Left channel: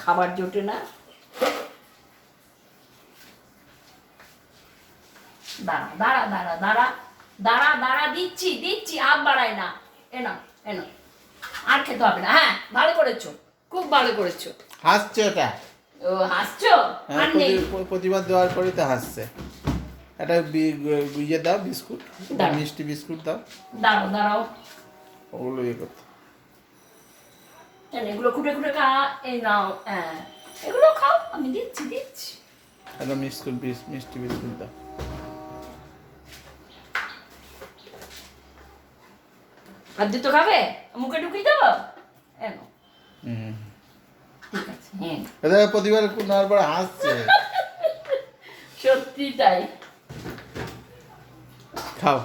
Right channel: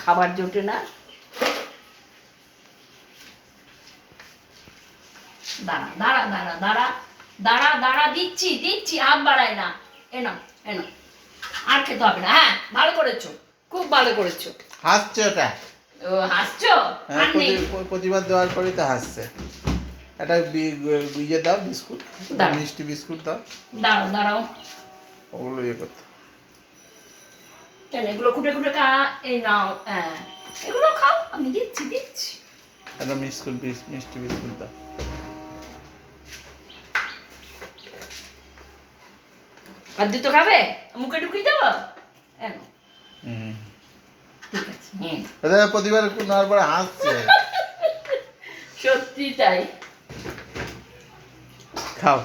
খাবার জোটে না। দাঁড়া দাঁড়া দাঁড়া দাঁড়া দাঁড়া দাঁড়া, দিচ্ছি দিচ্ছি, হাত বাড়াই না। এনো এনো, আর খেতে হবে না। হ্যাঁ, ভালো করেছো, খুব ভালো করেছো। হাসছে ওটা। ও হাসছো? হ্যাঁ, আর নেই। প্রতিবার দেওয়ার পরে তো হাসছে। একটা ইয়ে দাও, বিস্কুট, দাও। মিষ্টি বিস্কুট দাও, দাঁড়াও দাঁড়াও, ওগুলো ইয়ে করতে। কেন এগুলো খুঁটে খুঁটে এই নাও। হ্যাঁ, এগুলো খাও, আমি দিচ্ছি দিচ্ছি। একটা মিষ্টি বিস্কুট দাও। আর দুটো খাবে, মুখে ঢুকিয়ে দেবো। এনো, হুম, ঠিক আছে। হ্যাঁ, ওটা প্রতিবার নেওয়ার পরে হাসছে। সত্যি তাই। খাও।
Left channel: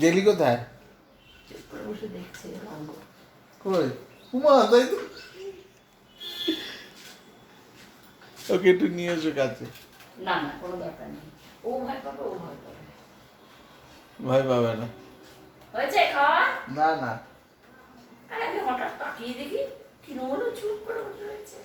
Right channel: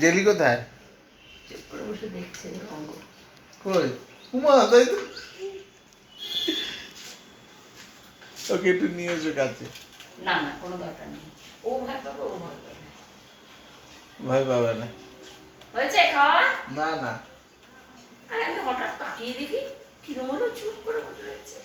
জেলি কোথায়? চুপ করে বসে দেখছে রঙ। কই? উমা, তাই তো। ওকে একটু নিয়ে এসো কাছে। না না, কোনো দরকার নেই। ও ভয় পাবে, ও ভয় পাবে। ভয় পাবে না। হয়েছে খাওয়া? না না। আরে আমি হঠাৎ তাকিয়ে দেখি কিরম হলো, চুপ করে বসে রয়েছে।